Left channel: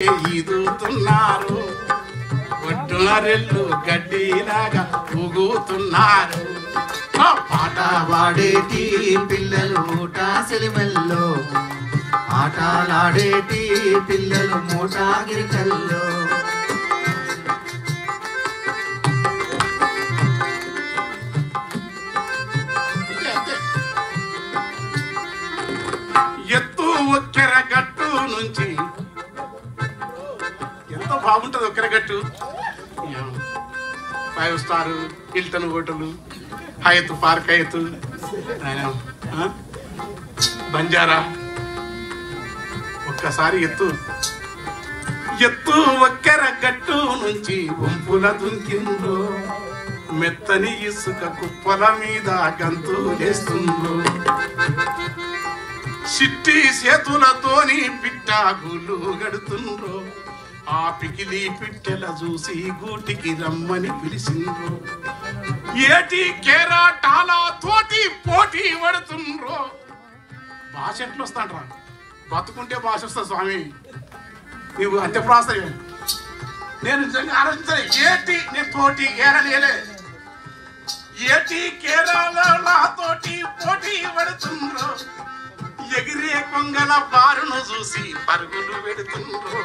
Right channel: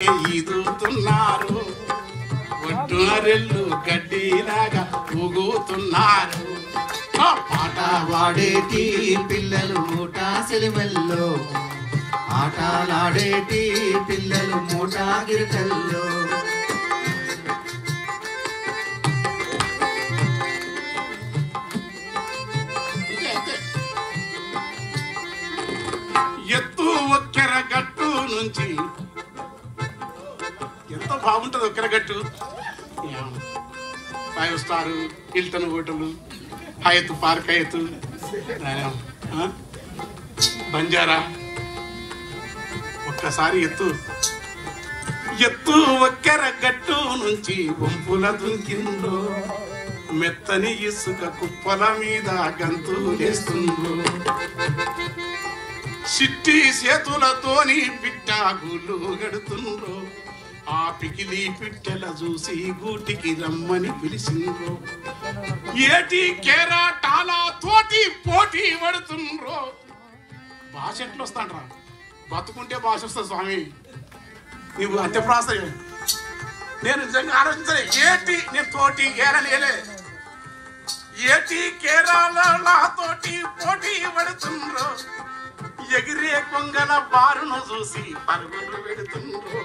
ఈదుతున్నారు ఒడ్డునరెళ్ళు గడ్డిలాగా ఊగుతున్నారు. పాట పాడేటి పిల్లలు మూటా సెలివెల్లో, ఆటలాడేటి పిల్లలు మూటా గిరికల్లో. ఎత్తు ఒక్కెర గట్టు నుంచి ఎంత బాగుంటుంది ఒక్కెర గట్టు. 5 star Hilton hotel, Hyatt park, Hyatt Banjara. ఒక్కసారి ఎత్తు ఒక్కెర గట్టు నుంచి వంపుల దుంకిందో, మెత్తని ఇసుక కుప్పల మీద గంతులేస్తుందో, సిట్టి చేతులతోని పిట్టాగులు గడుతుండ్రో, ఆ పికిలి పిట్టెల చూసి గూటికి రమ్మని పిలిచిండ్రో, ఏటి కేరాటాల తోటి పోటీ పడుతుండ్రో. భాష ఎట్లా వస్తాంట్రా? బతుకుంటే భాష వస్తా స్వామి. నీవు అంత్యప్రాస నేను నిజంగా ఆలోచించాలి. ఏటి నేను తోటి ఏరలేలే, ఏటి కేరాల తోటి పోటీ పడుతుండ్రో, ఎగిరే కొంగల బారును చూసి పరుగులు పెడుతుండ్రో.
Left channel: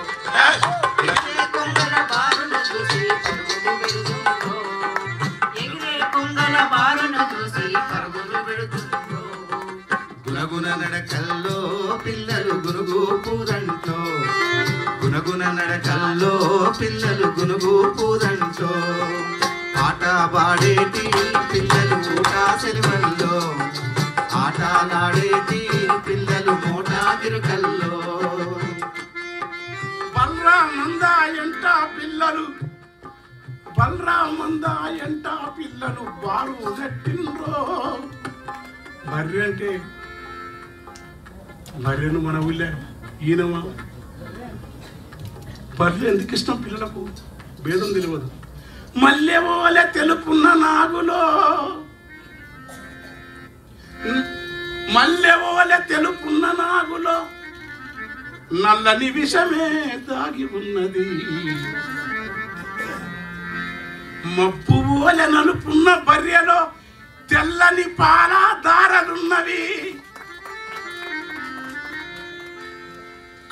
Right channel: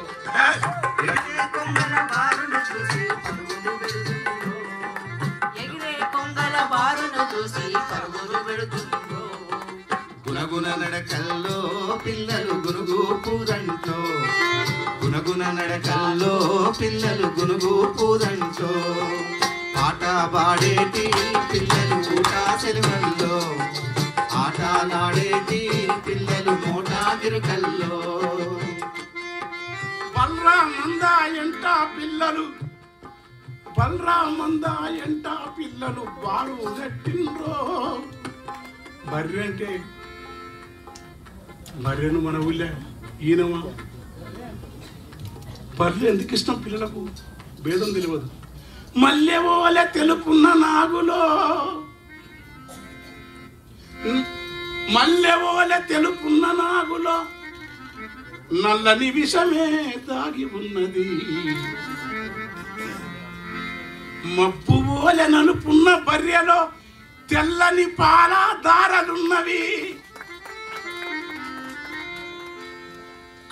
గుణగుణ నడకల్లో పిల్లలు గునుగు పూదంటో, గుణగుణ నడకల్లో పిల్లలు గునుగు పూదంటో, పాట పాడేటి పిల్లలు మూటా సెలవల్లో, ఆటలాడేటి పిల్లలు మూటా గిరికల్లో. బలరామందాయంట పిల్లలు, బలరామందాయంట పిల్లలు బాలు గట్టిండ్రో. బర్రె అంటే బర్రెను మన ఊళ్ళే ఈయనమా. బర్రె ఎందుకు ఇష్టం పిల్లలకు భేదం తెలియదు. మల్లెవోలే తెలుపున్న నాగులో, మల్లెవోలే తెలుపున్న నాగులో నల్లని విషమే దాగి ఉన్నది, మబ్బు ఓలె నలుపున్న బర్రెలో తెల్లని పాల దారలున్నవి,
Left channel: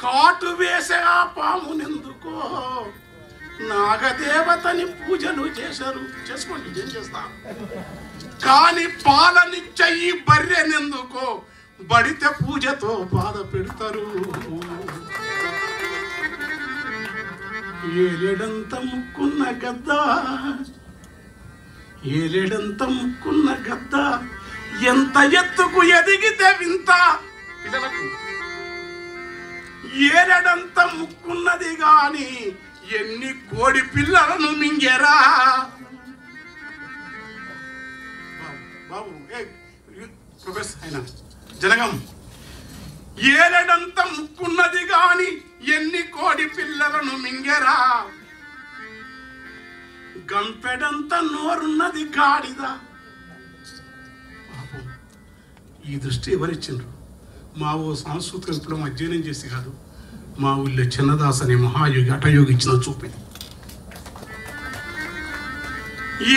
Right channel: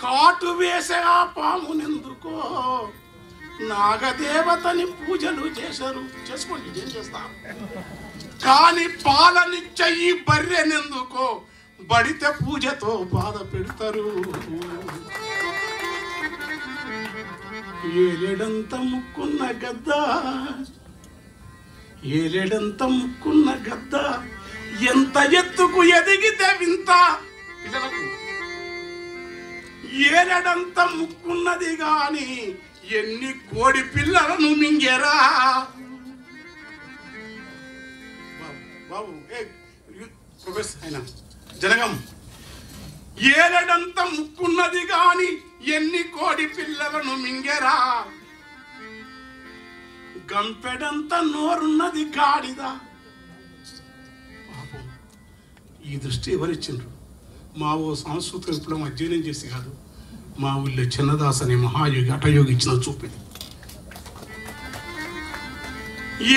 కాటు వేసే ఆ పామునెందుకో నాగదేవతని పూజలు చేశారు. చేసుకోండి, ఏం చేస్తా. కానీ పాలనిచ్చే ఈ బర్రెనెందుకో బడితే పూజతో బాధ పెడతారు. ఏలేడంత ముక్కున్న గద్ద, ఏలేడంత ముక్కున్న గద్ద ఎంత ఎత్తుకు ఎదిగితే వింత. పిల్లలకు ఏలేడంత ముక్కున్నది గాని ఎన్ని కోడి పిల్లలను మింగేరా. బాబు ప్రొఫెసర్ అయినా జనగం, ఏలడంత ముక్కున్నది గాని ఎన్ని కోడి పిల్లలను మింగెరా, గంపెడంత నోరున్నది గాడిద. ఈ దృష్టి ఎవరిచ్చిండ్రు? మా ఓ సాంస్కృతిక విప్లవం అధ్యయనం చేసి కాదు, మా ఊళ్ళో చిన్నదాస్ అనే మహాయోగి హఠయోగి ఇచ్చిన చూపింది.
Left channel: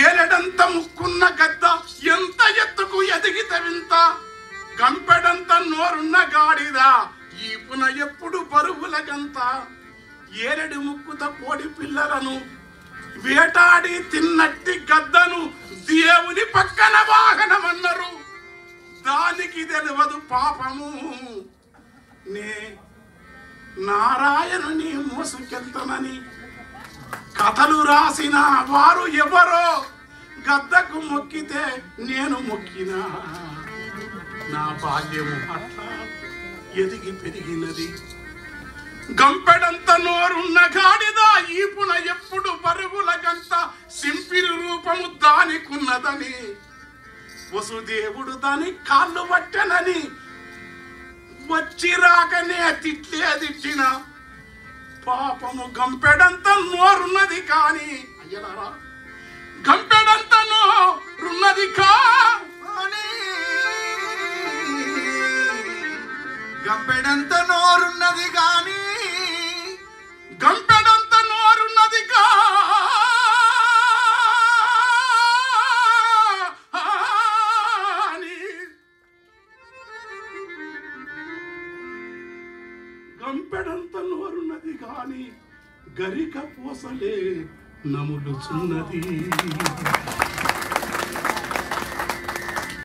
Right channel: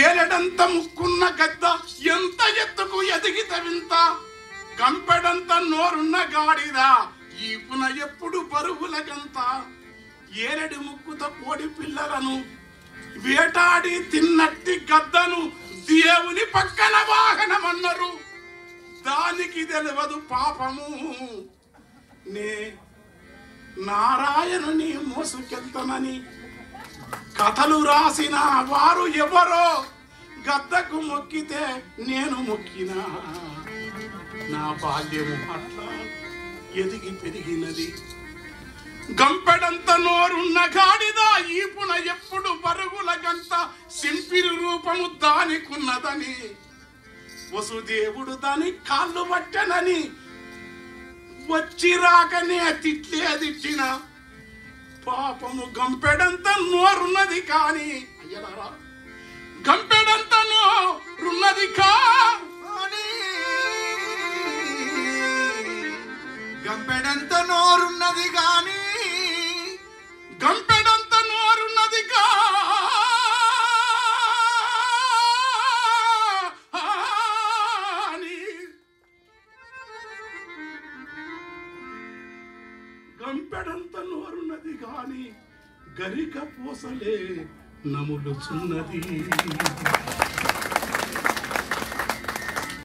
ఏలడంత ముక్కున్న గద్ద ఎంత ఎత్తుకు ఎదిగితే వింత, గంపెడంత నోరున్న గాడిద ఈపున ఎప్పుడు బరువుల గంత. ఏలడి ముక్కుత కోడి పిల్లలను వేటాడి తిన్నట్టి గద్దను దేవుని పక్కన వాహనమన్నారు. దానికి తెలియదు పాపము, నే నారాయణుని మోసుకెళ్తానని కథలు రాసిన వారు ఎవరో. గద్దకు మొక్కితే నేను మొక్కినా, నా బాల్యము అట్లా ఎదిగి పెరిగినది. గంపెడంత నోరున్న గాడిద ఈపున ఎప్పుడు బరుగుల గంత, సింపిరి రూపము దానికున్నదని వసుదేవుడు దాని కాళ్ళు పట్టనని వచ్చి రాకనే తిట్టిన. పాపము గంపెడంత నోరున్నది కాని అయ్యలారా, గంపెడంత నోరున్నది కానీ గంపెడంత నోరున్నది గాని గంపెడంత నోరున్నది గాని గరిక పూసలే నములుచున్నది.